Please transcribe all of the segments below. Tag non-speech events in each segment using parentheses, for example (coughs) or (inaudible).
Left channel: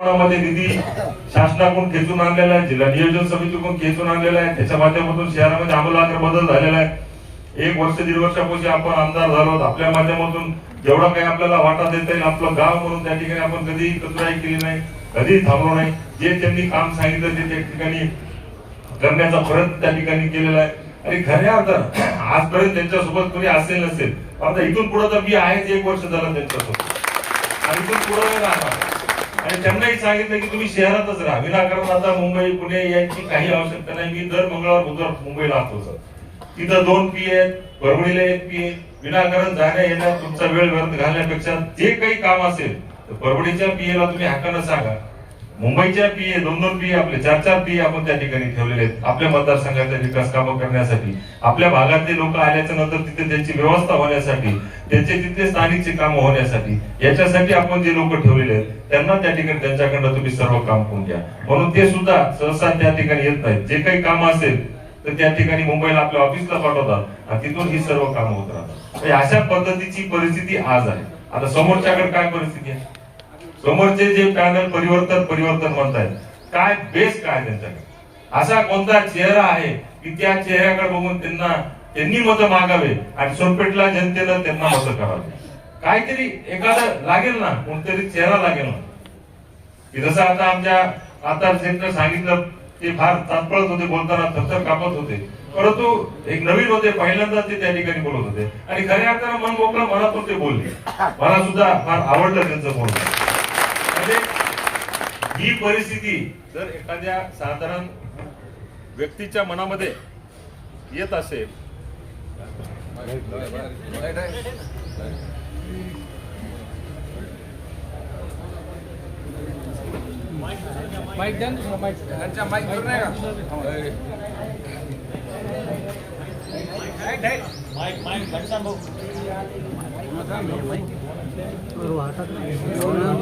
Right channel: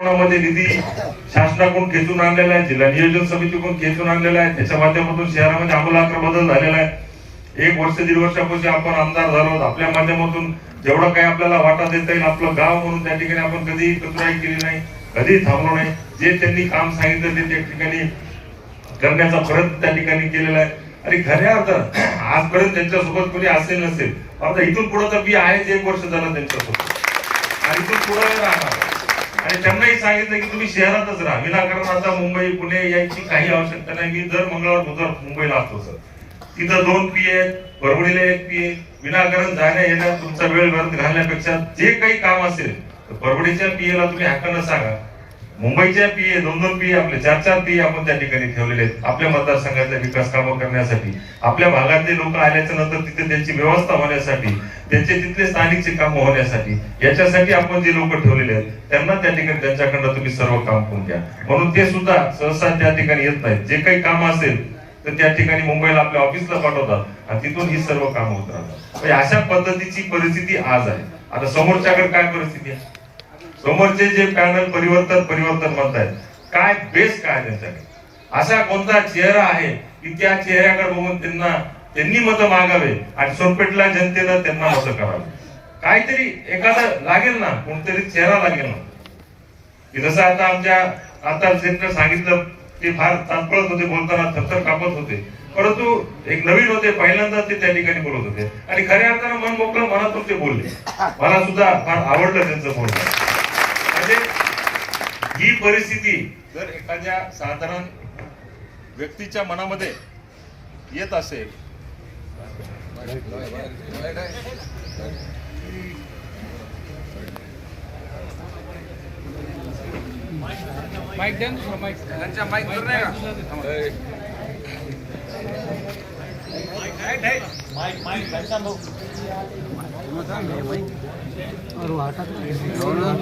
मध्ये निधी शासनाकडून खेचून आणलेला आहे जिल्हा नियोजन समितीकडून खेचून आणलेला आहे. त्याच्या माध्यमातून शहरामध्ये आमूलाग्र बदल झालेला आहे. एक वर्ष दीड वर्षापूर्वी आपण आमदार झालो आपल्या माध्यमातून जेवढा काही आपल्याला वाटा देता येईल आपलं गाव म्हणून त्या ठिकाणी आपण कधीही कचराही केली नाही कधीही थांबलो नाही. जे त्यांनी काम सांगितलं ते त्या ठिकाणी करण्याचा प्रयत्न त्या ठिकाणी केलेला आहे. आणि खऱ्या अर्थात आजपर्यंत त्यांच्यासोबत कोणी असेल नसेल आता इथून पुढे तर मी आहेच एक वर्ष झालं त्यांच्यासोबत. आणि इथून पुढे राहणार. आणि त्यांनाही सांगितलं की तुम्ही शहरातच राहा. विनाकारण आता मुंबई पुणे यायची काही आवश्यकता नाही. मी दर मंगळवार बुधवार मुंबईला असतो सर. तिथं दोन पी आहेत परभणीला एक पी आहे विनाकारण जाण्या येण्यात तुमचा वेळ व्यर्थ घालण्यापेक्षा जे काही काम असेल तर परभणीच्या पीएला तुम्ही हक्कानं सांगा. मुंबईच्या पीए दोन दोन पीए आपले चार चार पीए आपण त्या ठिकाणी ठेवलेले आहेत. आपल्या मतदारसंघातल्या विकास कामं करण्यासाठी आपल्या भागातले लोक आल्याच्यानंतर तिथे त्यांची व्यवस्था होण्यासाठी त्यांचे तिथले स्थानिकची कामं होण्यासाठी याच्यासाठी आपण जे लोक ठेवलेले आहेत त्यांना त्या ठिकाणी त्यांच्याकडनं तुम्ही सर्व काम करून घ्या. म्हणून ते सुद्धा सहसा त्या ठिकाणी येत नाहीत. जे काही काम असेल तर त्या ठिकाणी मुंबईला आपल्या ऑफिसला पाठवतात आणि तिथून ही सर्व कामं होत राहतात. म्हणजे अशा पद्धतीची परिस्थिती आज आहे. आता समोरच्याकडे काय परिस्थिती आहे? समोरचे जे पॅनल परिवर्तन परिवर्तन म्हणतायत काय बेस काय त्यांच्याकडे असा कोणता चेहरा आहे की त्या चेहऱ्याकडे बघून त्यांना त्यांनी मतं मागावे आणि सोनपेठला जनतेनं त्यांना मतं करावे? काहीतरी एखादं लागेल ना कोणतरी चेहरा लागेल ना. जसं आता आमच्या आता सेंटर सांगितलं ते फार तात्पळत होते बोलताना थरथर कापत होते. परंतु एक नवीन होते पहिल्यांदा ते त्या ठिकाणी बोलत होते. आणि खऱ्या अर्थानं मन मोकळं मनातून ते बोलले. मला सुद्धा फार आवडलं त्यांचं बोलणं. ही परिस्थिती जर एखाद्या साधारण व्यक्तीच्या मनामध्ये येत असेल माईक द्या ना माईक त्यांच्या माईक वर नाही का आगे आगे हाँ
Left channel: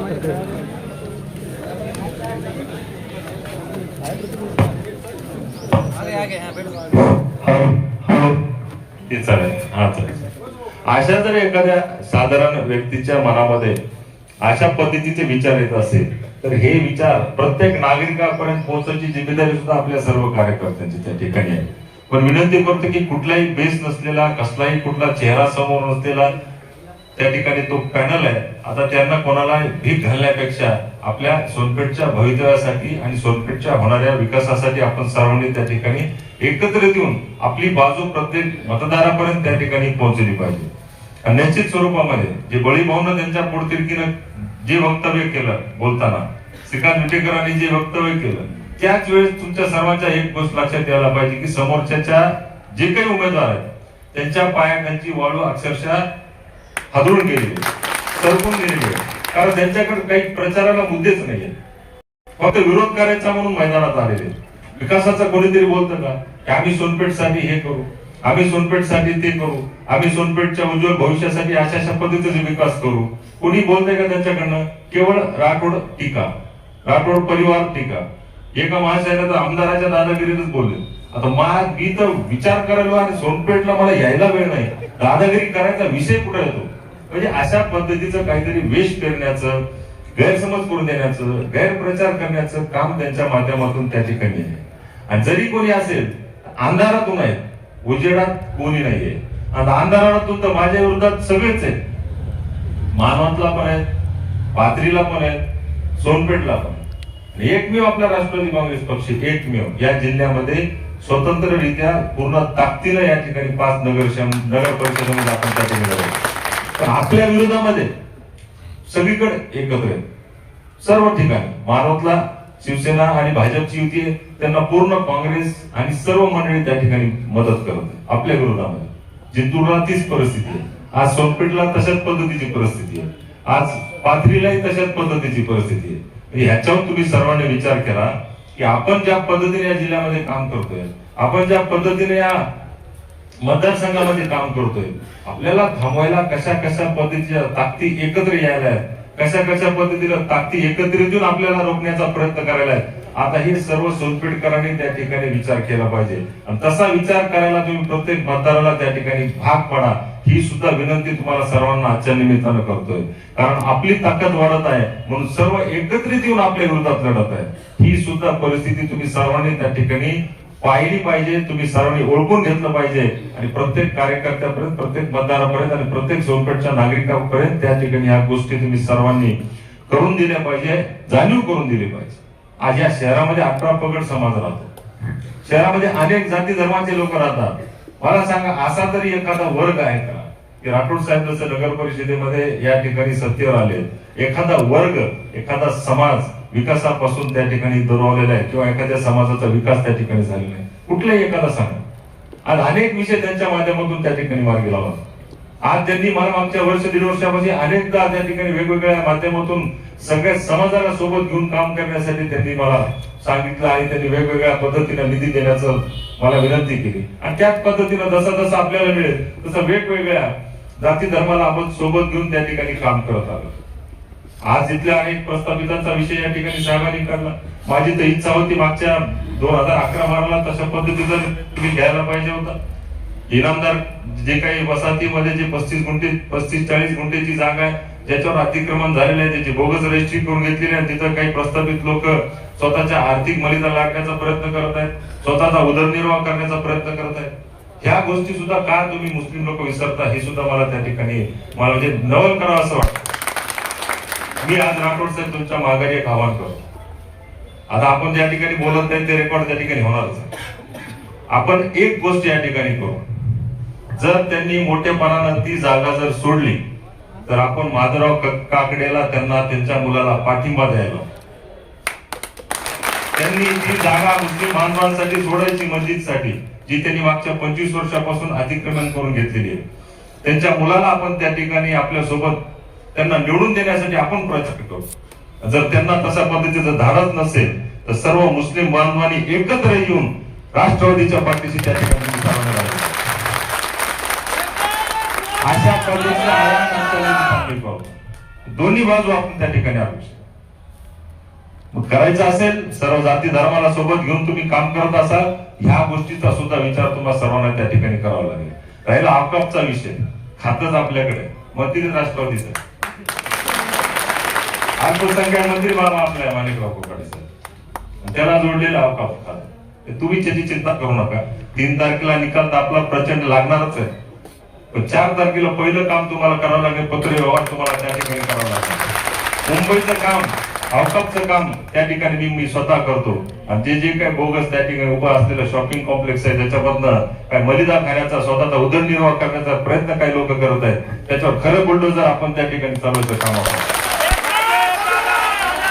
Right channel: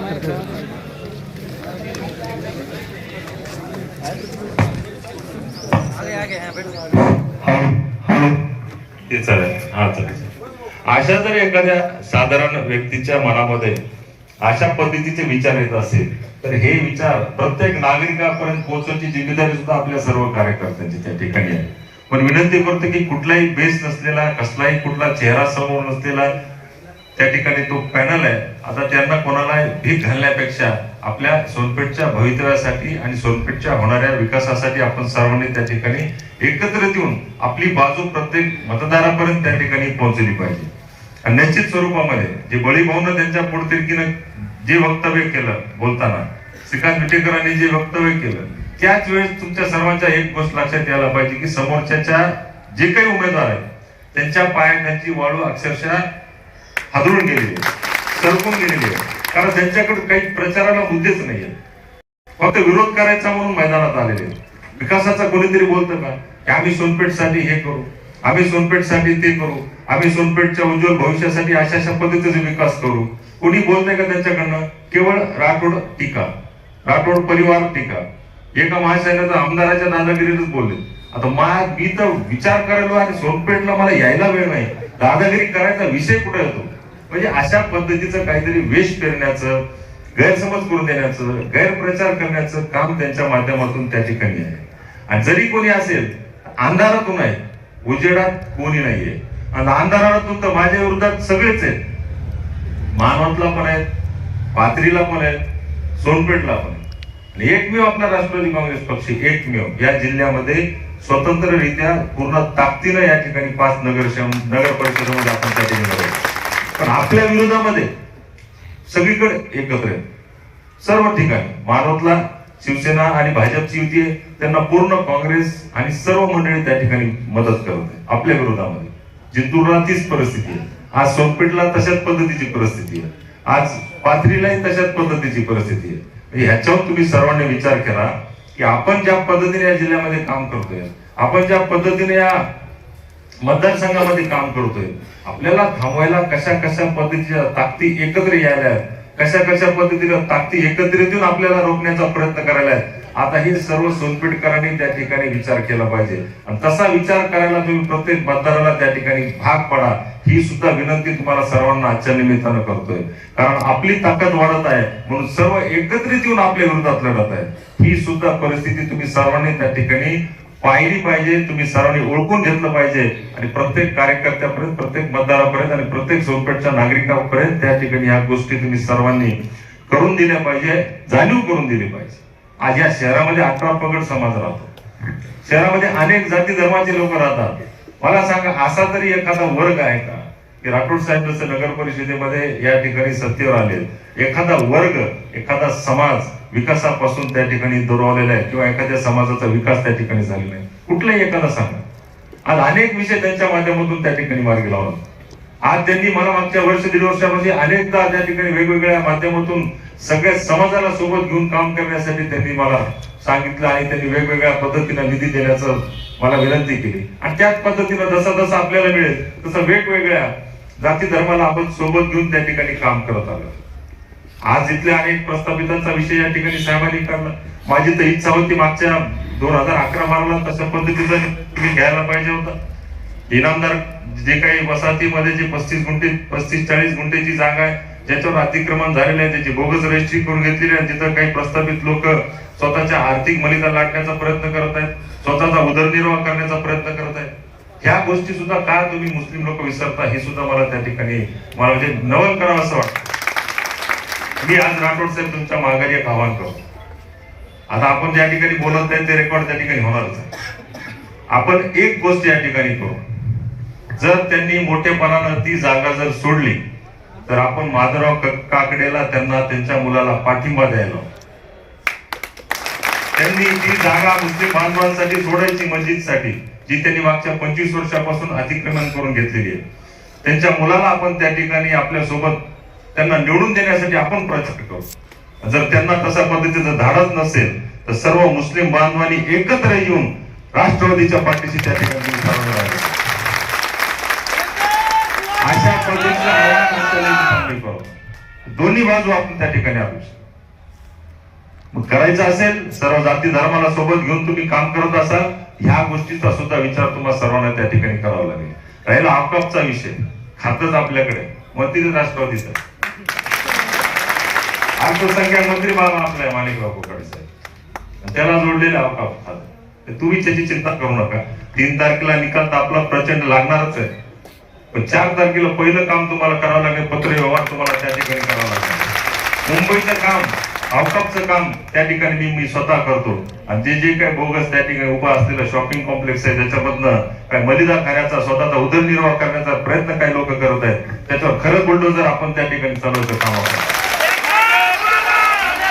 बैठो ते चालेल. हा चालेल. अशा जर एखाद्या साधारण व्यक्तीच्या मनामध्ये अशा पद्धतीचे विचार येत असेल तर हे विचार प्रत्येक नागरिकापर्यंत पोहोचण्याची जिम्मेदारी सुद्धा आपल्या सर्व कार्यकर्त्यांची त्या ठिकाणी आहे. पण विनंती करतो की कुठलाही बेस नसलेला कसलाही कुठला चेहरा समोर नसलेला त्या ठिकाणी तो पॅनल आहे. आता त्यांना कोणाला भीक घालण्यापेक्षा आपल्या सोनपेठच्या भवितव्यासाठी आणि सोनपेठच्या होणाऱ्या विकासासाठी आपण सर्वांनी त्या ठिकाणी एकत्रित येऊन आपली बाजू प्रत्येक मतदारापर्यंत त्या ठिकाणी पोहोचली पाहिजे आणि निश्चित स्वरूपामध्ये जे बळीभाऊनं त्यांच्या पोटतिरकीनं जे वक्तव्य केलं बोलताना श्रीकांत विटेकरांनी जे वक्तव्य केलं त्याच वेळेस तुमच्या सर्वांच्या एक गोष्ट लक्षात यायला पाहिजे की समोरच्याच्या जे काही उमेदवार आहेत त्यांच्या पायात त्यांची वाळू अक्षरशः हादरून गेलेली सरकून गेलेली आहे. कारण त्यांच्याकडे काही प्रचाराला मुद्देच नाहीये. फक्त विरोध करायचा म्हणून मैदानात आलेले विकासाचा कोणीतरी बोलतं का? की आम्ही सोनपेठसाठी हे करू आम्ही सोनपेठसाठी ते करू आम्ही सोनपेठच्या उज्ज्वल भविष्यासाठी अशा अशा पद्धतीचा विकास करू. कोणी बोलतंय का त्यांच्याकडनं? केवळ राठोड टीका. राठोड परिवार टीका. एका महाशयानं तर आमदाराच्या दादागिरीतच बोलले. आता मा मी तर विचार करायला आणि सोनपेठला मला यायला वेळ नाही. दादागिरी करायचा विषय कुठे येतो म्हणजे अशा पद्धतीचं काहीतरी वेश पेरण्याचं गैरसमज करून देण्याचं गैरप्रचार करण्याचं काम त्यांच्या माध्यमातून त्या ठिकाणी आहे. आणि जरी कोणी असेल अंधारातून आहे उजेडात कोणी नाहीये. आणि अंधारातून तर माझ्या विरोधात सगळेच आहेत. मानवतला पण आहेत पाथरीला पण आहेत सोनपेठला पण आणि एकमेव आपला राष्ट्रवादी काँग्रेस पक्ष एकमेव या जिल्ह्यामध्ये स्वतंत्ररित्या पूर्ण ताकदीनं या ठिकाणी पाच नगर नगर परिषदेमध्ये आपण त्या ठिकाणी पण आपल्या विरोधामध्ये सगळीकडे एकत्र आहे. सर्व ठिकाणी मानवतला शिवसेना आणि भाजपची युती आहे. त्यांना पूर्ण काँग्रेस आणि सर्व मंडळी त्या ठिकाणी मदत करत आहे आपल्या विरोधामध्ये. जिंतूरला तीच परिस्थिती आहे. आज सोनपेठला तशाच पद्धतीची परिस्थिती आहे. आज पाथरीलाही तशाच पद्धतीची परिस्थिती आहे. म्हणजे ह्याच्यावर तुम्ही सर्वांनी विचार करा की आपण ज्या पद्धतीने या जिल्ह्यामध्ये काम करतोय आपण ज्या पद्धतीने या मतदारसंघामध्ये काम करतोय. आपल्याला थांबवायला कशा कशा पद्धतीच्या ताकदी एकत्र यायला आहेत? कशा कशा पद्धतीला ताकदी एकत्रित येऊन आपल्याला रोखण्याचा प्रयत्न करायला आहे आता हे सर्व सोनपेठकरांनी त्या ठिकाणी विचार केला पाहिजे. आणि तसा विचार करायला तुम्ही प्रत्येक मतदाराला त्या ठिकाणी भाग पडा. ही सुद्धा विनंती तुम्हाला सर्वांना आजच्या निमित्तानं करतोय. कारण आपली ताकद वाढत आहे म्हणून सर्व एकत्रित येऊन आपल्या विरोधात लढत आहे. ही सुद्धा परिस्थिती तुम्ही सर्वांनी त्या ठिकाणी पाहिली पाहिजे तुम्ही सर्वांनी ओळखून घेतलं पाहिजे. आणि प्रत्येक कार्यकर्त्यापर्यंत प्रत्येक मतदारापर्यंत आणि प्रत्येक सोनपेठच्या नागरिकांपर्यंत त्या ठिकाणी ह्या गोष्टी तुम्ही सर्वांनी करून दिल्या पाहिजे जाणीव करून दिली पाहिजे. आज या शहरामध्ये अठरा पगड समाज राहतो. शहरामध्ये अनेक जाती धर्माचे लोक राहतात. मला सांगा असा तरी एखादा वर्ग आहे का? की राठोड साहेब जसं नगर परिषदेमध्ये या ठिकाणी सत्तेवर आले एखादा वर्ग एखादा समाज विकासापासून त्या ठिकाणी दुरावलेला आहे किंवा एखाद्या समाजाचा विकास त्या ठिकाणी झालेला आहे. कुठलाही एखादा सांगा आज अनेक विषय त्यांच्या माध्यमातून त्या ठिकाणी मार्गी लावा आज त्यांनी मला मागच्या वर्ष दीड वर्षामध्ये अनेकदा त्या ठिकाणी वेगवेगळ्या माध्यमातून सगळ्या समाजाला सोबत घेऊन काम करण्यासाठी त्यांनी मला सांगितलं आणि त्यांनी वेगवेगळ्या पद्धतीने निधी देण्याचं मला विनंती केली. आणि त्याच पद्धतीनं जसा जसं आपल्याला मिळेल तसं वेगवेगळ्या जाती धर्माला आपण सोबत घेऊन त्या ठिकाणी काम करत आलो. आज इथल्या अनेक प्रस्थापितांचा विषय या ठिकाणी साहेबांनी काढला. माझी तर इच्छा होती मागच्या दोन हजार अकरा बाराला तशा पद्धतीचा तुम्ही घ्यायला पाहिजे होता. इनामदार जे काही वसाहतीमध्ये जे पस्तीस गुंठे पस्तीस चाळीस गुंठेची जागा आहे ज्याच्यावर अतिक्रमण झालेले आहे त्याची बोगस रजिस्ट्री करून घेतलेली आहे तिथं काही प्रस्थापित लोक स्वतःच्या आर्थिक मलिदा लाटण्याचा प्रयत्न करत आहेत स्वतःचा उदरनिर्वाह करण्याचा प्रयत्न करत आहेत. ह्या गोष्टी सुद्धा का तुम्ही मुस्लिम लोक विसरता हे सुद्धा मला त्या ठिकाणी मला म्हणजे नवल करावं असं वाटतं. मी आज राठोड साहेब तुमच्या माघारी एक करतो. आता आपण ज्या ठिकाणी बोलत आहे ते रेकॉर्ड त्या ठिकाणी होणारच आपण एक गोष्ट या ठिकाणी करू. जर त्यांनी मोठेपणानं ती जागा जर सोडली तर आपण माधवराव काकडेला त्यांना त्यांच्या मुलाला पाठिंबा द्यायला त्यांनी ती जागा मुस्लिम बांधवांसाठी सोडायची मस्जिदसाठी जी त्यांनी मागच्या पंचवीस वर्षापासून अतिक्रमण करून घेतलेली आहे. त्यांच्या मुलाला आपण त्या ठिकाणी आपल्यासोबत त्यांना निवडून देण्यासाठी आपण प्रयत्न करू. जर त्यांना तशा पद्धतीचं धाडच नसेल तर सर्व मुस्लिम बांधवांनी एकत्र येऊन राष्ट्रवादीच्या पाठीशी त्या ठिकाणी अशा पद्धतीचं आव्हान दोन्ही बाजू आपण त्या ठिकाणी आलो. मग करायचं असेल सर्व जाती धर्माला सोबत घेऊन तुम्ही काम करत असाल ह्या गोष्टीचा सुद्धा विचार तुम्हाला सर्वांना त्या ठिकाणी करावा लागेल. राहिला अवकापचा विषय. खातच आपल्याकडे. मग तिथे राष्ट्रवादीचं. अल्पसंख्याक मंत्री बाबा आपल्या माणिकराव कोकाडे साहेब. आणि त्याला जोडलेला अवकाश खात तुम्ही त्याची चिंता करू नका. तीन तारखेला निकाल तर आपला प्रचंड लागणारच आहे. पण चार तारखेला पहिलं काम तुम्हाला करावं लागेल पत्र व्यवहार तुम्हाला त्या ठिकाणी करावं लागेल. मुंबईचं काम अवकाशचं काम त्या ठिकाणी मी स्वतः करतो. आणि जे जे काही बोगस त्या ठिकाणी उभा असलेलं शॉपिंग कॉम्प्लेक्स आहे त्याच्यामधनं काय मलिदा खाण्याचा स्वतःचा उदरनिर्वाह करण्याचा प्रयत्न काही लोक करत आहेत त्याच्यावर खरं बुलडोजर आपण त्या ठिकाणी चालवतो काम आपण करायचं करायचं तर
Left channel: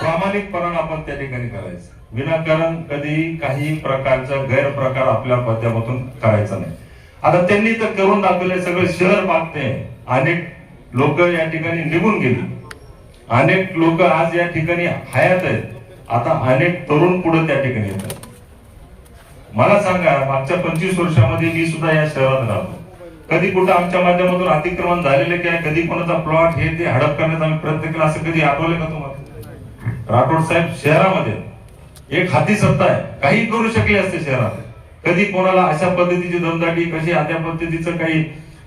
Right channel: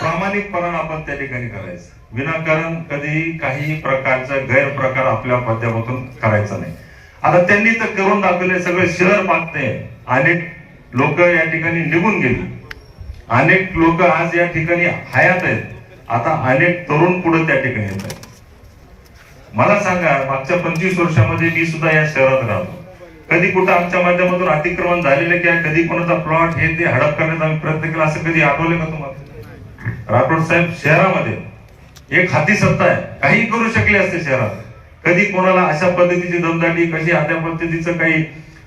प्रामाणिकपणानं आपण त्या ठिकाणी करायचं. विनाकारण कधी काही प्रकारचा गैरप्रकार आपल्या माध्यमातून करायचा नाही. आता त्यांनी तर करून दाखवले सगळे शहर मागते अनेक लोक या ठिकाणी निघून गेली. अनेक लोक आज या ठिकाणी हयात आहेत. आता अनेक तरुण पुढे त्या ठिकाणी येतात. मला सांगा मागच्या पंचवीस वर्षामध्ये मी सुद्धा या शहरात राहतो. कधी कुठं आमच्या माध्यमातून अतिक्रमण झालेले की कधी कोणाचा प्लॉट हे ते हडप करण्याचा आम्ही प्रयत्न केला असं कधी आठवले का तुम्हाला? राठोड साहेब शहरामध्ये एक हाती सत्ता आहे. काही करू शकले असते शहरात. कधी कोणाला अशा पद्धतीची दमदाटी कशी अशा पद्धतीचं काही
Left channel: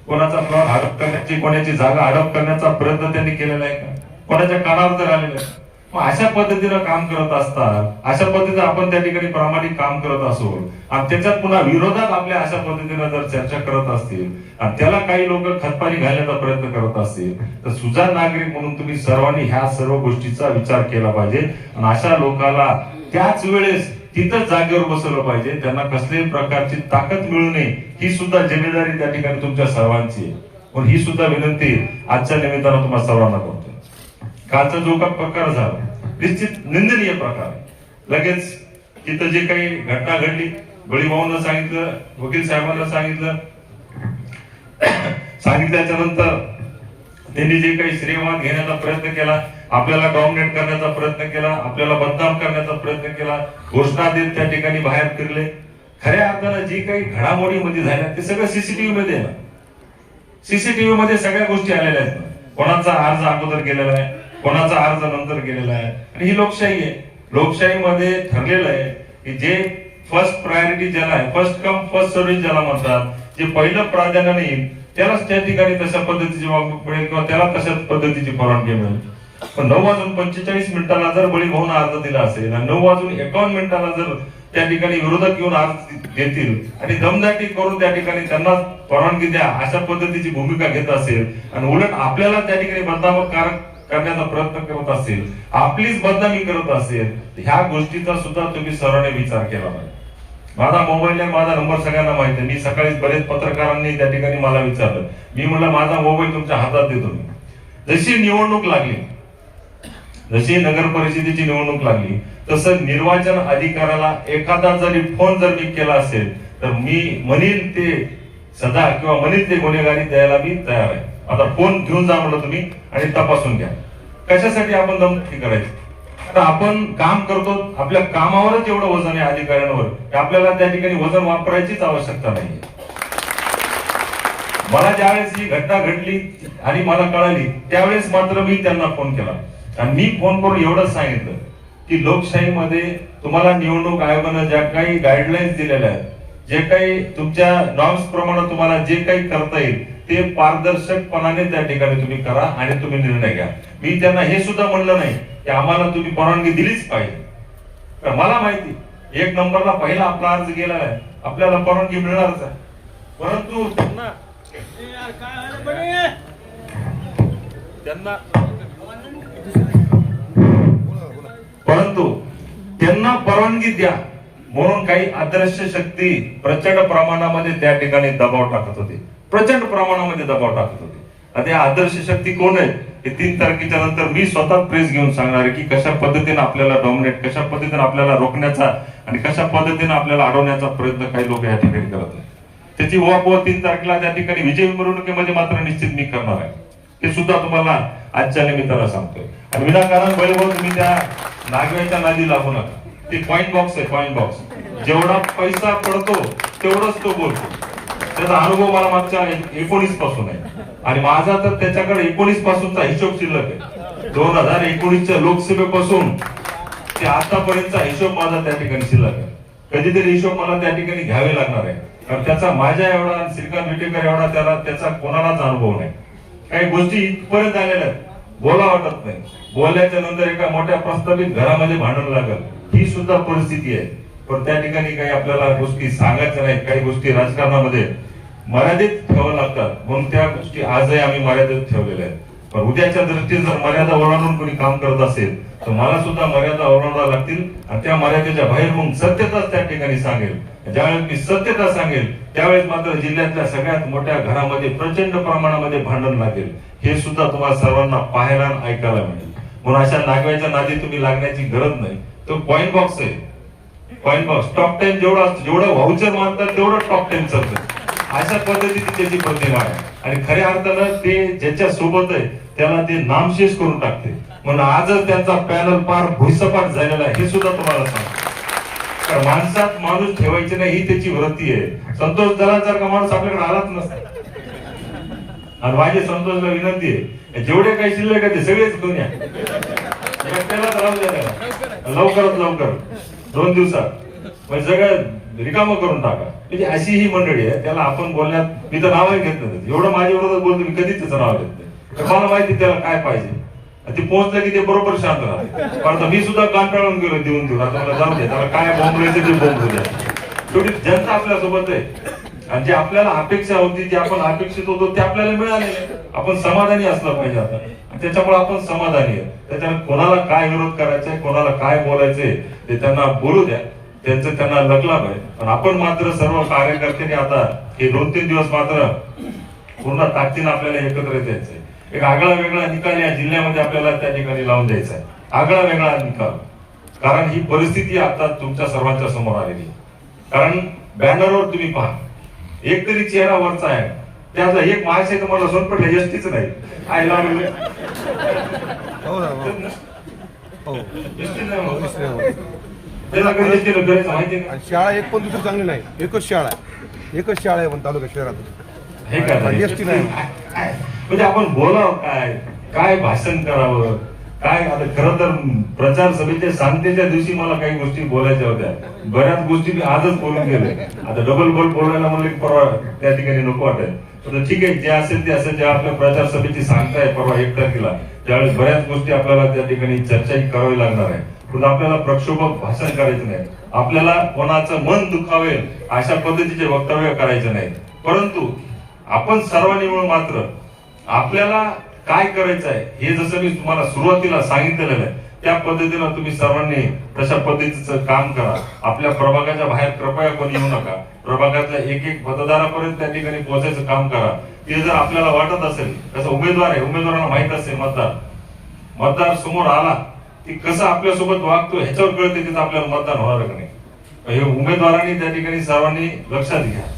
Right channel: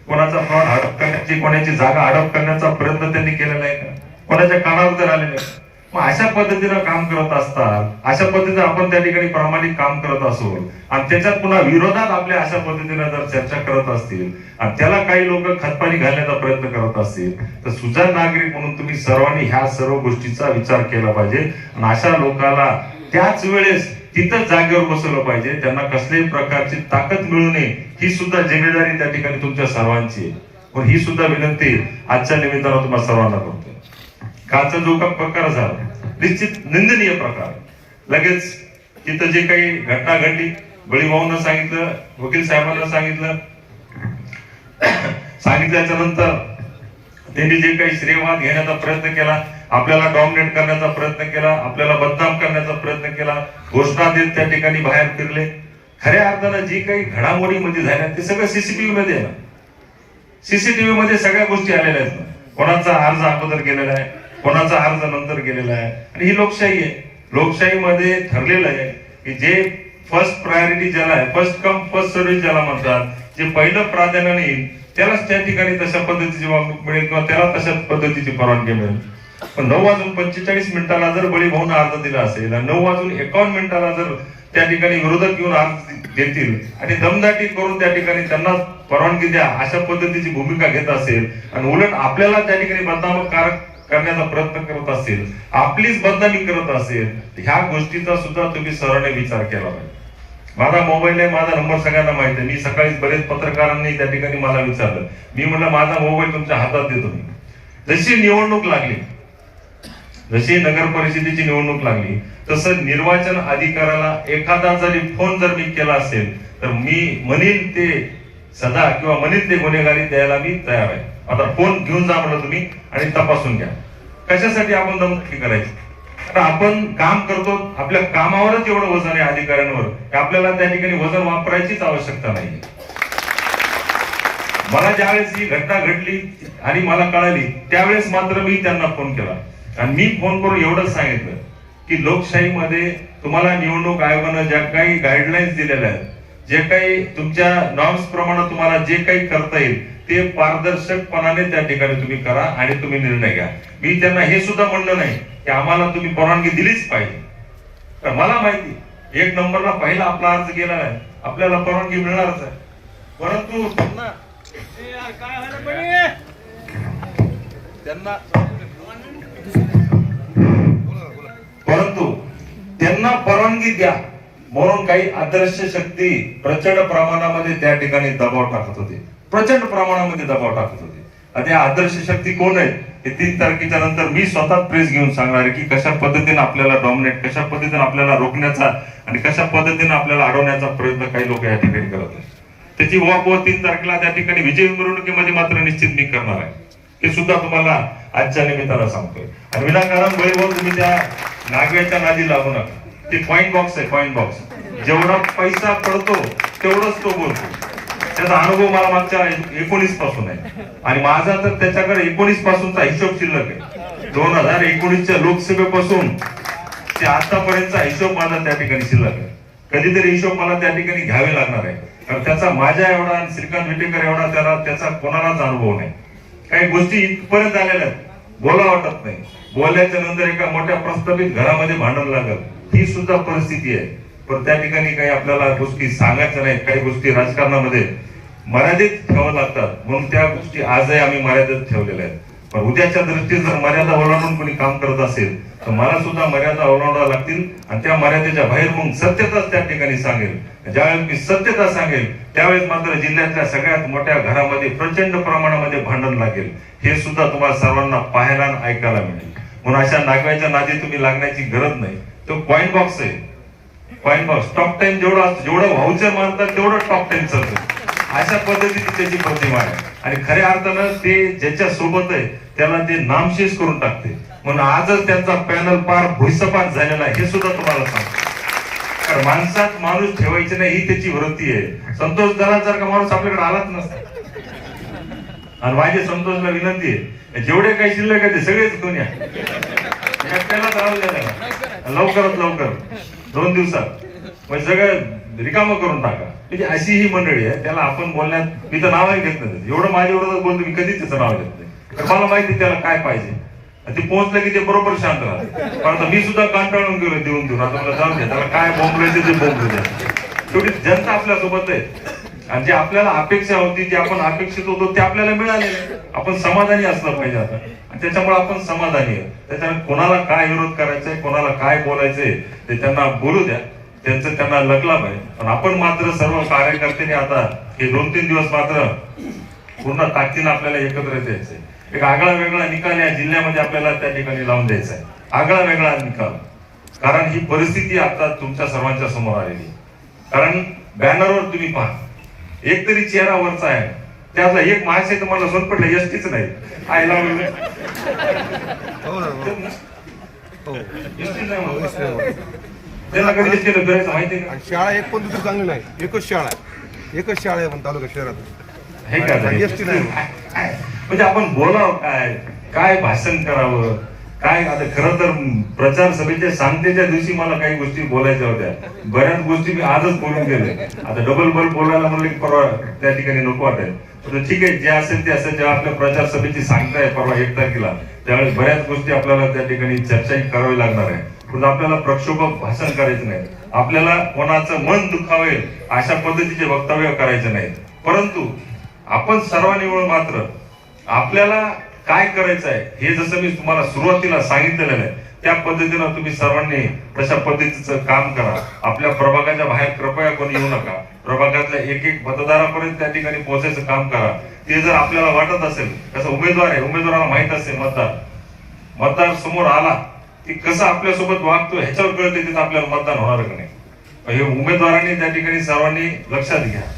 कोणाचा प्लॉट हडप करण्याची कोणाची जागा हडप करण्याचा प्रयत्न त्यांनी केलेला आहे का? कोणाच्या कानावर तर आलेले आहे? अशा पद्धतीनं काम करत असतात अशा पद्धतीने आपण त्या ठिकाणी प्रामाणिक काम करत असो आणि त्याच्यात पुन्हा विरोधात आपल्या अशा पद्धतीनं जर चर्चा करत असतील आणि त्याला काही लोक खतपाणी घालण्याचा प्रयत्न करत असतील तर सुजाण नागरिक म्हणून तुम्ही सर्वांनी ह्या सर्व गोष्टीचा विचार केला पाहिजे आणि अशा लोकाला त्याच वेळेस तिथं जागेवर बसवलं पाहिजे त्यांना कसल्याही प्रकारची ताकद मिळू नये ही सुद्धा जिम्मेदारी त्या ठिकाणी तुमच्या सर्वांची आहे. पण ही सुद्धा विनंती आजच्या निमित्तानं तुम्हाला सर्वांना करतो. कालचा जो का प्रकार झाला निश्चित निंदनीय प्रकार. लगेच तिथं जे काही घटना घडली बळीभाऊंना सांगितलं वकील साहेबांना सांगितलं (coughs) सांगितल्याच्या नंतर त्यांनी जे काही श्रीवाद घेण्याचा प्रयत्न केला आपल्याला डॉमिनेट करण्याचा प्रयत्न केला आपल्याला बदनाम करण्याचा प्रयत्न केला घोषणा देत त्या ठिकाणी बाहेर फिरले. खऱ्या अर्थानं जी काही घडामोडीमध्ये झाल्या ते सगळं सीसीटीव्ही मध्ये सीसीटीव्ही मध्ये सगळ्या गोष्टी आलेल्या आहेत. कोणाचा अर्ज अगोदर केलेला आहे? कोणाचा अर्ज नंतर गेलेला आहे. आणि ही लोकशाही आहे. लोकशाहीमध्ये ठरलेलं आहे की जे फर्स्ट प्रायोरिटी ज्याला आहे फर्स्ट कम फर्स्ट सर्व्हिस ज्याला म्हणतात जे पहिलं प्राधान्य येईल त्यालाच त्या ठिकाणी तशा पद्धतीची वागणूक मिळेल किंवा त्याला तशा पद्धतीची परवानगी मिळेल. पण नऊ वाजून पंचेचाळीस मिनिटाला जर बळी भाऊन अर्ज दिला असेल आणि नऊ वाजून एकावन्न मिनिटाला जर त्या ठिकाणी विरोधक येऊन अर्ज घेतील आणि दमदाटी करून त्या ठिकाणी त्यांना परवानगी द्या अशा पद्धतीची भूमिका घेत असेल आणि उलट आपल्याला त्या ठिकाणी बदनामकारक करण्याचा प्रयत्न करत असेल आपलीच बदनामी करत असेल ह्या गोष्टीचा सुद्धा तुम्ही सरळ विचार केला पाहिजे. माझा मोबाईल आहे माझा नंबर सगळ्यांना माहिती आहे. मी सकाळी बरेच पत्रकारांनी त्या ठिकाणी मला विचारलं. मी म्हणलं माझा मोबाईल तुमच्या हातात देतो मी. जशी निवडणूक लागली जशी नगर परिषदेची निवडणूक लागली तसं निर्वाचन अधिकाऱ्याला एखादा जरी फोन जर मी केला असेल तर मी म्हणील ते सदा किंवा म्हणेन ते गुन्हेगारी द्यायला मी तयार आहे. आता फोन घेऊन जा म्हटलं तुम्ही आणि तपासून घ्या. कशासाठी आपण दमदटी करायची? कारण आपण काम करतो आपल्या कामावरच एवढं वजन आहे अधिकाऱ्यांवर. आपल्याला त्या ठिकाणी वजन वापरायचीच आवश्यकता नाही मला ज्यावेळेस ही घटना घडली आणि मला कळाली त्यावेळेस मात्र मी त्यांना फोन केला. आणि मी फोन करून एवढंच सांगितलं की लोकशाहीमध्ये तुम्हाला निवडणूक आयोगानं ज्या काही गाईडलाईन्स दिलेल्या आहेत जे काही तुमच्या नॉर्म्स प्रमाणे तुम्हाला जे काही करता येईल ते पारदर्शकपणाने त्या ठिकाणी तुम्ही करा आणि तुम्ही निर्णय घ्या. मी त्यांना हे सुद्धा म्हणलं नाही की आम्हाला तुम्ही परवानगी दिलीच पाहिजे. तर मला माहिती एक नंबरला पहिला आपला अर्ज गेला आहे. आपल्याला परवानगी मिळणारच आहे. परंतु त्यांना त्यांना परंतु त्यांना परवानगी द्या म्हणून काही आदर्श शक्ती प्रचंड प्रमाणामध्ये त्या ठिकाणी दबाव टाकत होते. प्रचंड प्रमाणामध्ये दबाव टाकत होते. आता आदर्श शक्ती कोण आहे हे तीन तारखेच्या नंतर मी स्वतः प्रेस घेऊन सांगणार आहे की कशा पद्धतीने आपल्याला डॉमिनेट कशा पद्धतीने आपल्याला रोखण्याचा आणि कशा पद्धतीने आपल्याला अडवण्याचा प्रयत्न काही लोक या ठिकाणी करत आहेत. त्याची उहापोह तीन तारखेला त्या ठिकाणी विजय मिरवणुकीमध्ये मात्र निश्चित मी करणार आहे. हे सुद्धा तुम्हाला आजच्या निमित्तानं सांगतोय. आणि विनाकारण वैभव तुम्ही त्या नागव्याच्या नादी लागू नका. ते कॉईन बॉक्स आहे कॉईन बॉक्स जेवढा पैसा पडतो तेवढंच तो बोलतो. त्याचा अनुभव मला मागच्या एकोणीसपासून आहे. आणि माझा तर त्याच्याकडे एकोणीस पासूनचा हिशोब शिल्लक आहे. दोन हजार एकोणीसच्या लोकसभेपासून ते आतापर्यंतचा हिशोब माझा त्या ठिकाणी शिल्लक आहे. कधीतरी हिशोब मला त्या ठिकाणी घ्यावे लागणार आहे. कारण त्याचा माझ्या एवढा आणि श्रीकांत विटेकर एवढा त्याला त्याचा कोणालाच अनुभव नाही. काही गोष्टी इथपर्यंत आलेल्या आहेत. बोला वाटत नाही. बोलायच्या नंतर एका मोठ्या प्रस्तावित घरामध्ये भांडण लागल. ही सुद्धा परिस्थिती आहे. पण त्या ठिकाणी काही आपल्याला गोष्टी सांगायच्या नाही. काही गोष्टी राजकारणामध्ये मर्यादित ठेवावं लागतात. म्हणून त्या गोष्टी आजही आम्ही मर्यादित ठेवलेल्या आहेत. पण उद्याच्या दृष्टीने जर मर्यादा ओलांडून कोणी काम करत असेल तर मला सुद्धा मर्यादा ओलांडाव्या लागतील आणि त्या मर्यादेच्या बाहेर मग सत्यताच त्या ठिकाणी सांगेल. ज्यावेळेस मी सत्यता सांगेल त्यावेळेस मात्र जिल्ह्यातल्या सगळ्यात मोठ्या घरामध्ये प्रचंड प्रमाणामध्ये भांडण लागेल. हे सुद्धा तुम्हाला सर्वांना पाहायला आणि ऐकायला मिळेल. म्हणून अशा नागव्याच्या नादी तुम्ही लागण्याची गरज नाही. तो कॉईन बॉक्स आहे. कॉईन बॉक्स टॉप टेन जेवढा जेवढं व्हाउचर मानतात तेवढं टॉप टेन चालतं अशा पद्धतीची त्याची प्रतिमा आहे आणि खऱ्या अर्थानं ते ज्याच्या सोबत आहे त्याला ते नामशेष करून टाकते. म्हणून आजच त्यांचा पॅनल पार भुईसपाट झालेला आहे हे सुद्धा तुम्हाला सांगतो कारण माणसात माणूस ठेवायचे नाही ही त्याची वृत्ती आहे. संतोष दलासारखा माणूस आपल्याकडे आलाच नसता. आणि माझी संतोषला विनंती आहे जेवढे काही शिल्लक आहे ते सगळेच घेऊन या. लवकरात लवकर. दोन दिवसात. म्हणजे सगळं रिकामं करून टाका. म्हणजे अशी ही मंडळी आहे त्याला आपण बोलण्यात मी तर नावही घेत नाही एवढं माझ्याबरोबर बोलतो मी कधीच त्याचं नाव घेत नाही. तर मला माहिती त्याला काय पाहिजे. ते पोहोचलं की ते बरोबर शांत राहते कारण मी सुद्धा कांटाळून गेलो देऊन देऊन. आता मला जाऊन दे त्याला काय बोंबलायचं ते बोंबू द्या शेवटी जनता आपल्यासोबत आहे. आणि जे आपल्याला अपेक्षा होती जे आपण अपेक्षित होतो ते आपल्याला मिळाले. आपण समाधानी असलं पाहिजे आता. आणि त्याच्यामुळे आपण समाधानी आहोत. त्याच्यामुळे कोणाला काय विरोध करायचंय कोणाला काय बोलायचंय ते त्यांना बोलू द्या. त्यांचं त्यांना लकला पाहिजे पण आपण मात्र सर्व कार्यकर्त्यांनी आता हे दोन तीन दिवस मात्र पूर्ण ताकदीनं आपल्याला एकत्र द्यायचंय एक आगळा वेगळा निकाल या जिल्ह्यामध्ये आपल्याला त्या ठिकाणी लावून द्यायचा आहे. आगळा वेगळा निकाल. कारण ही परिस्थिती आता तुमच्या सर्वांच्या समोर आलेली कारण बॅनरवर तुम्ही पहा. एक तरी चेहरा वरचा आहे. त्यातला एक माणूस आहे तुम्हाला सोनपटला एसटीच नाही. आय आणि शाळा एक पण दुसरी चांगली नाही. एकच शाळा. एकच शाळा आहे पण तालुका शहरात. हे का नाही? म्हणजे आपण बोलावं काय? काय भाषण करावं? काय आता खरं तर प्रचार सभेच्या सांगतेच्या दिवशी मला काही गोष्टी बोलायच्या होत्या. बऱ्याच गोष्टी मी आजच बोलून गेले. आता डबल बल बोलायला म्हणले परवा त्या ठिकाणी नको वाटेल ठीक आहे जे असेल ते असेल. जेव्हा आपल्या प्रचार सभेची सांगताय परवा एक तारखेला त्यावेळेस बऱ्याच गोष्टी आपल्याला त्या ठिकाणी चर्चाही करावी लागणार आहे. पण आपल्याला प्रक्षोभक भाषण करायचं नाही. आपल्याला कोणाचं मन दुखावेल अशा पद्धतीचे वक्तव्य करायचे नाही. परंतु आपण सर्वांनी मिळून मात्र आपल्याला काय करायचं आहे हे जसं मी तुम्हाला सुरुवातीला सांगितलेलं आहे त्या पद्धतीनं तुम्ही सर्वांनी तशा पद्धतीचं काम करा. आपल्या प्रभागाच्या बाहेर कृपया कोणी येऊ नका. प्रभागातल्या एक एक मतदारापर्यंत त्या ठिकाणी पोहोचायचं काम करा. ते जर आपल्याला वाटत असेल त्याचा उमेदवार आहे उमेदवाराला माहीत असेल मतदार. मतदार समोर आला की कसं आपल्यासोबत वागतो ह्याच्यावर कळते तिथं आपल्याला मतदान होणार का नाही. हे उमेदवारांनी त्या ठिकाणी सर्वांनी लक्षात घ्या.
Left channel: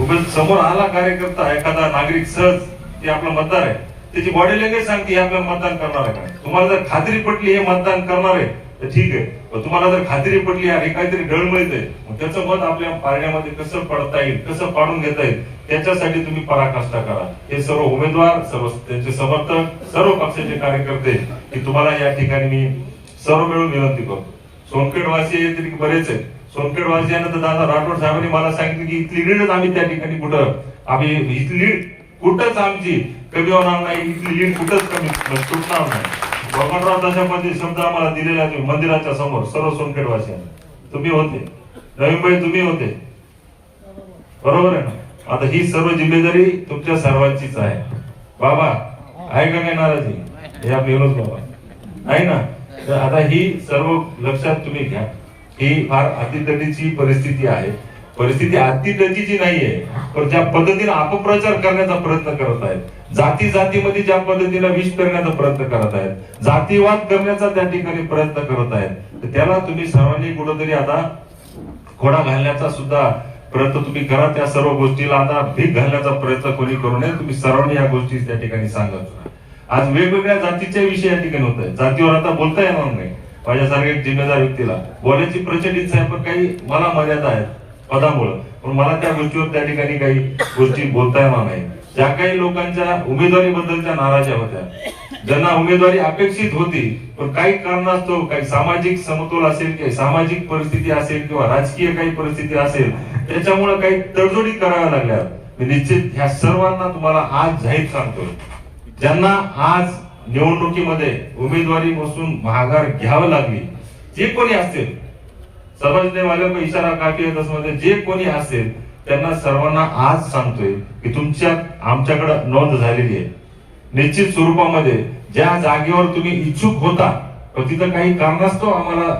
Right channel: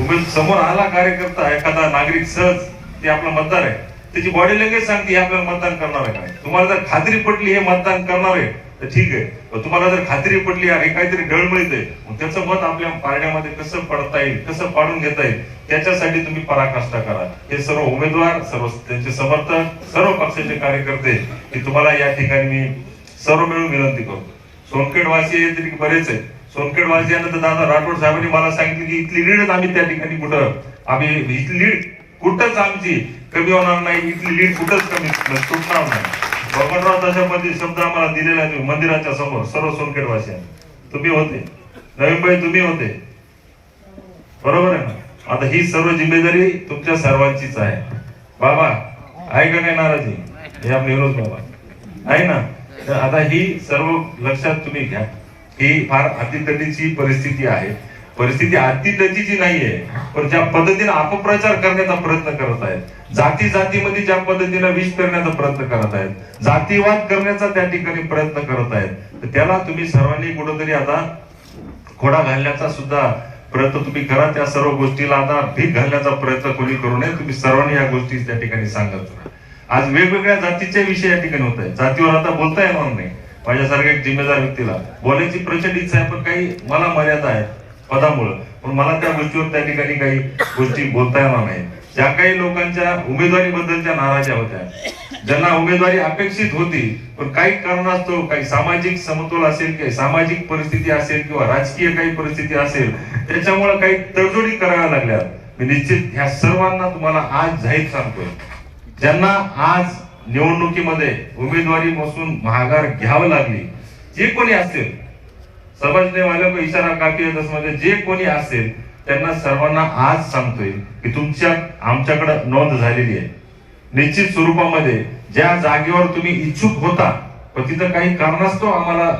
उमेद समोर आला कार्यकर्ता एखादा नागरिक सहज ते आपला मतदार आहे. त्याची बॉडी लँग्वेज सांगते हे आपल्याला मतदान करणार आहे तुम्हाला जर खात्री पटली हे मतदान करणार आहे तर ठीक आहे. तुम्हाला जर खात्री पटली आणि काहीतरी गळमळीत आहे त्याचं मत आपल्या पारड्यामध्ये कसं पडता येईल कसं पाडून घेता येईल त्याच्यासाठी तुम्ही पराकाष्ठा करा. हे सर्व उमेदवार सर्व त्यांचे समर्थक सर्व पक्षाचे कार्यकर्ते की तुम्हाला या ठिकाणी मी सर्व मिळून विनंती करतो. सोनखेडवासी आहे तरी बरेच आहेत. सोनखेडवासियांना तर दादा राठोड साहेबांनी मला सांगितलं की इथली लीडच आम्ही त्या ठिकाणी कुठं? आम्ही इथली कुठंच आमची कमी होणार नाही इथली लीड कुठंच कमी म्हणजे तुटणार नाही. बळवंतराव दशापती शब्द आम्हाला दिलेला आहे मंदिराच्या समोर सर्व सोनखेडवासियांना. तुम्ही होते. रवीभाई तुम्ही होते. बरोबर आहे आता ही सर्व जिम्मेदारी तुमच्या सर्वांचीच आहे. बाबा आहे का काय नाराजी? या आपले बाबा. आहे ना? तर आता ही सर्व लक्षात तुम्ही घ्या. ही फार अतितटीची परिस्थिती आहे. परिस्थिती अतितटीची नाहीये पण ज्या पद्धतीने अपप्रचार करण्याचा प्रयत्न करत आहेत जाती जातीमध्ये ज्या पद्धतीने विष करण्याचा प्रयत्न करत आहेत जातीवाद करण्याचा त्या ठिकाणी प्रयत्न करत आहेत तर त्याला तुम्ही सर्वांनी कुठंतरी आता खोडा घालण्याचा सुद्धा प्रयत्न तुम्ही करा. त्या सर्व गोष्टीला आता भीक घालण्याचा प्रयत्न कोणी करू नये. तुम्ही सर्वांनी या गोष्टी त्या ठिकाणी सांगत आज वेगवेगळ्या जातीचे विषय या ठिकाणी होत आहेत. जातीवर आता बोलता येणार नाही. माझ्यासारख्या एक जिम्मेदार व्यक्तीला बोलायची प्रचंड इच्छा आहे पण काही मला मर्यादा आहेत. पदामुळे. पण मला त्या गोष्टीवर त्या ठिकाणी काही गोष्टी बोलता येणार नाही. ज्या काही लोकांच्या उमेदवारीबद्दलच्या नाराज्या होत्या. ज्यांना उमेदवारी अपेक्षित होती पण काही कारणास्तव काही सामाजिक समतोल असेल काही सामाजिक परिस्थिती असेल किंवा राजकीय काही परिस्थिती असेल त्याच्यामुळे काही तडजोडी कराव्या लागल्या. मी निश्चित ह्या सर्वांना तुम्हाला आज जाहीर सांगतो. ज्यांना आज निवडणुकीमध्ये उमेदवारी बसून महागार घ्यावं लागली जे कोणी असेल समजणे वाले को इशारा काफी येत असणार जे कोणी असेल त्यांना सर्वांना आज सांगतोय की तुमच्या आमच्याकडे नोंद झालेली आहे. निश्चित स्वरूपामध्ये ज्या जागेवर तुम्ही इच्छुक होता पण तिथं काही कारणास्तव आम्हाला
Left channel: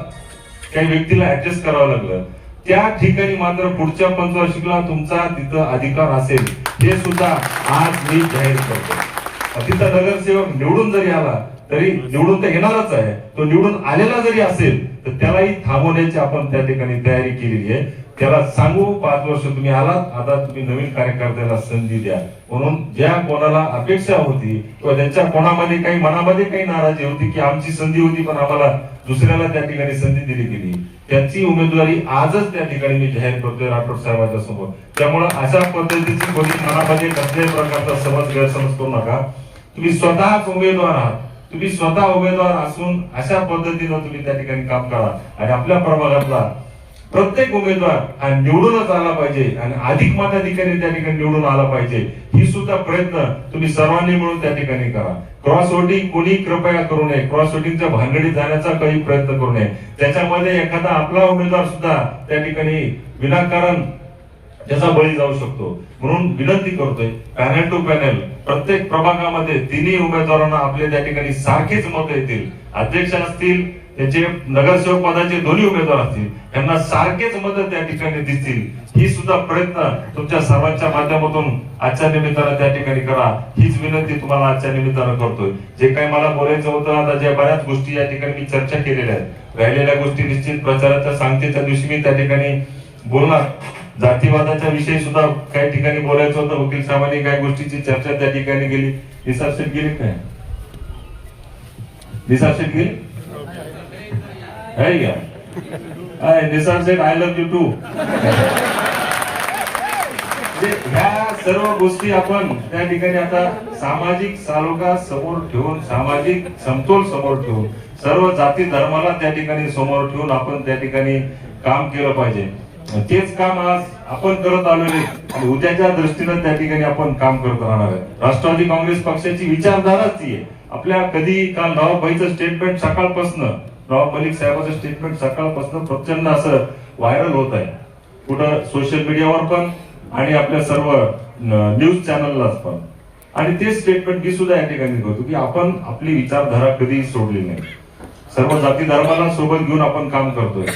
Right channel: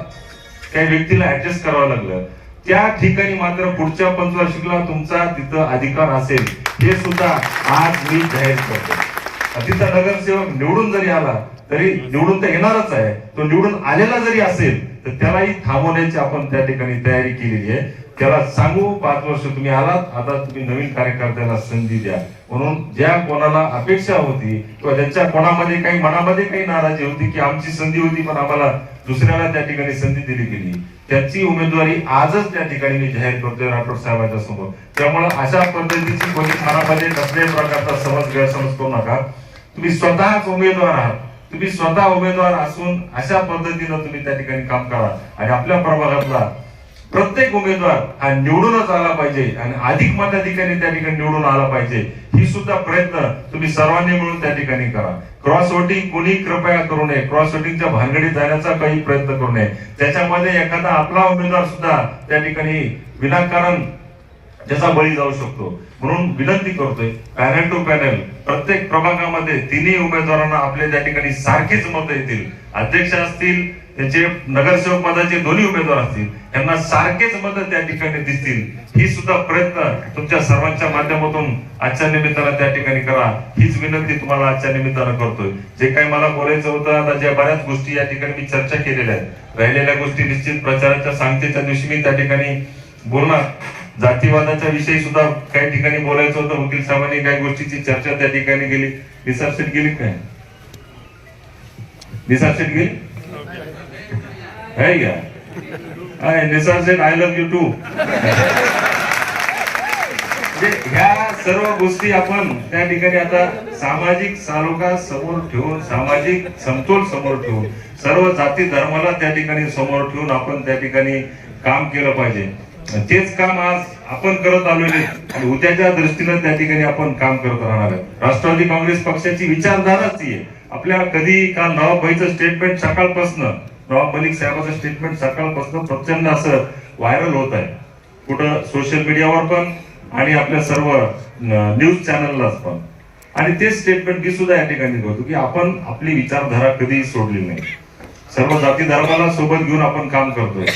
काही व्यक्तीला ऍडजस्ट करावं लागलं. त्या ठिकाणी मात्र पुढच्या पंचवार्षिकला तुमचा तिथं अधिकार असेल हे सुद्धा आज मी जाहीर करतो. तिथं नगरसेवक निवडून जरी आला तरी निवडून तर येणारच आहे. तो निवडून आलेला जरी असेल तर त्यालाही थांबवण्याची आपण त्या ठिकाणी तयारी केलेली आहे. त्याला सांगू पाच वर्ष तुम्ही आलात आता तुम्ही नवीन कार्यकर्त्याला संधी द्या. म्हणून ज्या कोणाला अपेक्षा होती किंवा ज्यांच्या कोणामध्ये काही मनामध्ये काही नाराजी होती की आमची संधी होती पण आम्हाला दुसऱ्याला त्या ठिकाणी संधी दिली गेली त्याची उमेदवारी आजच त्या ठिकाणी मी जाहीर करतोय राठोड साहेबांच्या समोर. त्यामुळे अशा पद्धतीची कोणी मनामध्ये कसल्याही प्रकारचा समज गैरसमज करू नका. तुम्ही स्वतःच उमेदवार आहात. तुम्ही स्वतः उमेदवार असून अशा पद्धतीनं तुम्ही त्या ठिकाणी काम करा. आणि आपल्या प्रभागातला प्रत्येक उमेदवार हा निवडूनच आला पाहिजे आणि अधिक मताधिकारी त्या ठिकाणी निवडून आला पाहिजे. ही सुद्धा प्रयत्न तुम्ही सर्वांनी मिळून त्या ठिकाणी करा. क्रॉस वोटिंग कोणी कृपया करू नये. क्रॉस वोटिंगच्या भानगडीत जाण्याचा काही प्रयत्न करू नये. त्याच्यामध्ये एखादा आपला उमेदवार सुद्धा त्या ठिकाणी विनाकारण ज्याचा बळी जाऊ शकतो. म्हणून विनंती करतोय पॅनल टू पॅनल प्रत्येक प्रभागामध्ये तिन्ही उमेदवारांना आपले त्या ठिकाणी सारखेच मत येतील. अध्यक्ष असतील त्याचे नगरसेवक पदाचे दोन्ही उमेदवार असतील त्यांना सारखेच मत त्या ठिकाणी दिसतील. ही सुद्धा प्रयत्न तुमच्या सर्वांच्या माध्यमातून आजच्या निमित्तानं त्या ठिकाणी करा. हीच विनंती तुम्हाला आजच्या निमित्तानं करतोय. जे काही मला बोलायचं होतं आता ज्या बऱ्याच गोष्टी या ठिकाणी मी चर्चा केलेल्या आहेत. राहिलेल्या गोष्टी निश्चित प्रचाराच्या सांगतेच्या दिवशी मी त्या ठिकाणी बोलणार. जातीवादाच्या विषयी सुद्धा काही ठिकाणी बोलायचं होतं वकील साहेबांनी काही गोष्टीची चर्चा त्या ठिकाणी गेली निसारशेट गेली काय? निसारशेट गेली? काय Nisar I love you too ह्या सर्व गोष्टी आपण त्या ठिकाणी आता सामाजिक सारोगा समोर ठेवून सामाजिक समतोल समोर ठेवून सर्व जाती धर्माला त्या ठिकाणी समोर ठेवून आपण त्या ठिकाणी काम केलं पाहिजे. तेच काम आज आपण करत आलेले आणि उद्याच्या दृष्टीनं त्या ठिकाणी आपण काम करत राहणार आहे. राष्ट्रवादी काँग्रेस पक्षाची विचारधाराच ती आहे. आपल्या कधी काल नवाबाईचं स्टेटमेंट सकाळपासून नवाब मलिक साहेबाचं स्टेटमेंट सकाळपासून प्रचंड असं व्हायरल होत आहे. कुठं सोशल मीडियावर पण आणि आपल्या सर्व न्यूज चॅनलला पण. आणि ते स्टेटमेंट मी सुद्धा या ठिकाणी करतो की आपण आपली विचारधारा कधीही सोडली नाही. सर्व जाती धर्माला सोबत घेऊन आपण काम करतोय.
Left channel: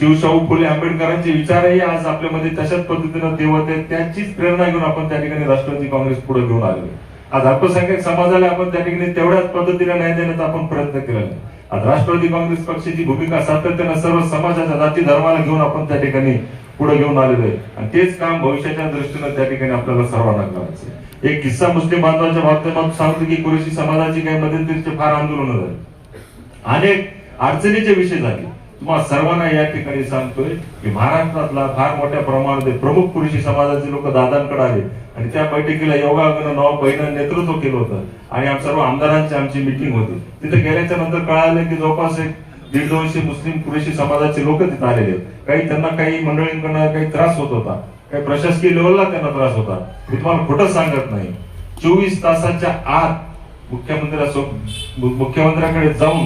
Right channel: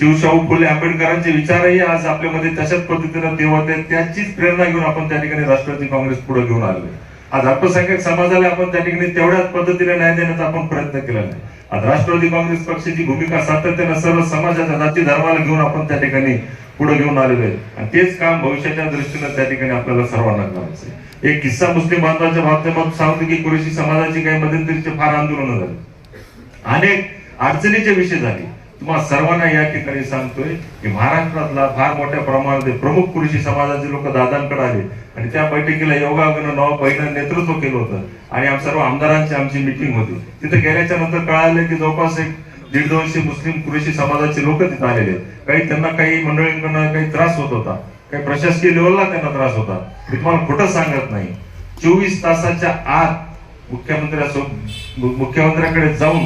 शिवशाहू फुले आंबेडकरांचे विचारही आज आपल्यामध्ये तशाच पद्धतीनं देवत आहेत. त्यांचीच प्रेरणा घेऊन आपण त्या ठिकाणी राष्ट्रवादी काँग्रेस पुढे घेऊन आलो आज अल्पसंख्याक समाजाला आपण त्या ठिकाणी तेवढ्याच पद्धतीने न्याय देण्याचा आपण प्रयत्न केला नाही आज राष्ट्रवादी काँग्रेस पक्षाची भूमिका सातत्यानं सर्व समाजाच्या जाती धर्माला घेऊन आपण त्या ठिकाणी पुढे घेऊन आलेलो आहे. आणि तेच काम भविष्याच्या दृष्टीनं त्या ठिकाणी आपल्याला सर्वांना करायचं आहे. एक किस्सा मुस्लिम बांधवांच्या माध्यमातून सांगतो की कुरेशी समाजाची काही मध्यंतरीचे फार आंदोलन झाले. अनेक अडचणीचे विषय झाले. तुम्हाला सर्वांना या ठिकाणी सांगतोय की महाराष्ट्रातला फार मोठ्या प्रमाणात प्रमुख पुरुषी समाजाचे लोक दादांकडे आले. आणि त्या बैठकीला योगायोगानं नवा बहिणं नेतृत्व केलं होतं. आणि आम सर्व आमदारांची आमची मिटिंग होती. तिथे गेल्याच्यानंतर कळालं की जवळपास एक दीड दोनशे मुस्लिम पुरुषी समाजाचे लोक तिथे आलेले काही त्यांना काही मंडळींकडनं काही त्रास होत होता. काही प्रशासकीय लेवलला त्यांना त्रास होता. मी तुम्हाला खोटं सांगत नाही. चोवीस तासाच्या आत मुख्यमंत्र्यासोबत मुख्यमंत्र्याकडे जाऊन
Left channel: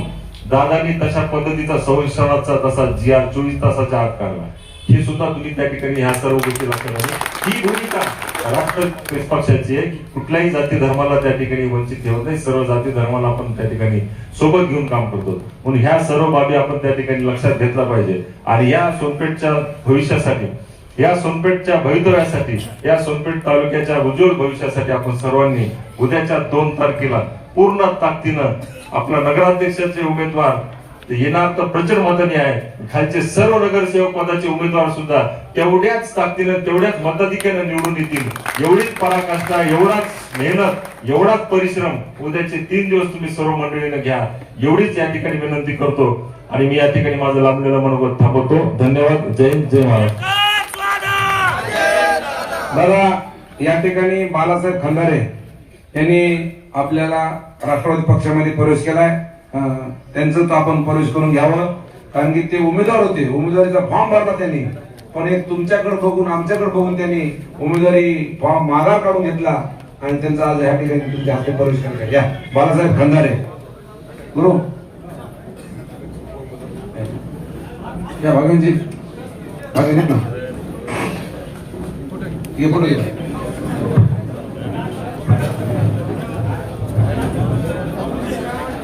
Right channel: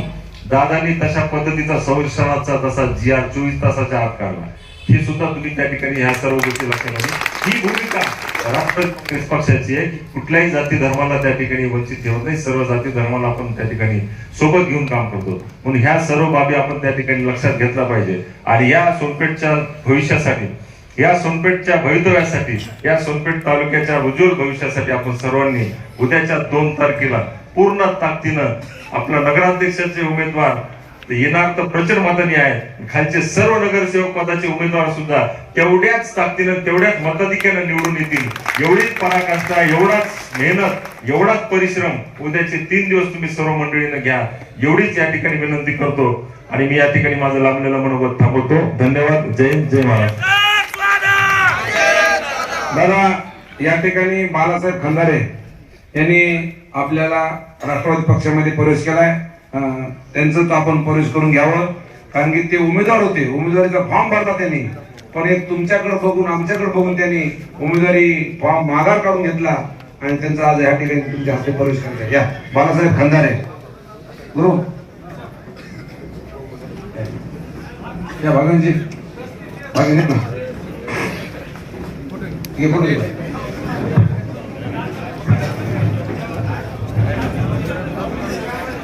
दादानी तशा पद्धतीचा संरक्षणाचा तसा जी आर चोवीस तासाच्या आत काढला. हे सुद्धा तुम्ही त्या ठिकाणी ह्या सर्व गोष्टी लक्षात ही भूमिका राष्ट्र पक्षाची आहे. की कुठल्याही जाती धर्माला त्या ठिकाणी वंचित ठेवत नाही. सर्व जाती धर्माला आपण त्या ठिकाणी सोबत घेऊन काम करतो. म्हणून ह्या सर्व बाबी आपण त्या ठिकाणी लक्षात घेतला पाहिजे. आणि या सोनपेठच्या भविष्यासाठी या सोनपेठच्या भवितव्यासाठी या सोनपेठ तालुक्याच्या उज्ज्वल भविष्यासाठी आपण सर्वांनी उद्याच्या दोन तारखेला पूर्ण ताकदीनं आपला नगराध्यक्षाचे उमेदवार येणार तर प्रचंड मताने आहे खालचे सर्व नगरसेवक पदाचे उमेदवार सुद्धा तेवढ्याच ताकदीनं तेवढ्याच मताधिक्यानं निवडून येतील. एवढीच पराकाष्ठा एवढाच मेहनत एवढाच परिश्रम उद्याचे तीन दिवस तुम्ही सर्व मंडळीनं घ्या. एवढीच या ठिकाणी विनंती करतो आणि मी या ठिकाणी माझं लांबलेलं मनोगत थांबवतो. धन्यवाद. जय जय महाराज दादा या ठिकाणी बालासाहेब खंदारे त्यांनी आपल्याला राष्ट्रवादी पक्षामध्ये प्रवेश केलाय. त्यांचं तर आपण प्रवेश करून घ्यावं. कारण की ते उमेदवार होते. उमेदवारीचा फॉर्म भरला त्यांनी. पण एक तुमच्याकडे बघून आमच्याकडे बघून त्यांनी उमेदवारी फॉर्म माघार काढून घेतला. आणि त्यांचा आज या ठिकाणी तुमच्या हस्ते प्रवेश करण्यात या. बालासाहेब खंदारे. गुरु. या भागनजी भागन ना ये.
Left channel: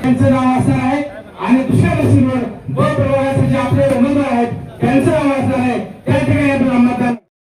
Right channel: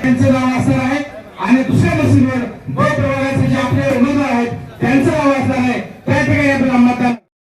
त्यांचं नाव असणार आहे. आणि दुसऱ्या मशीनवर ब प्रभागाचे जे आपले उमेदवार आहेत त्यांचं नाव असणार आहे. त्या ठिकाणी आपल्याला मतदान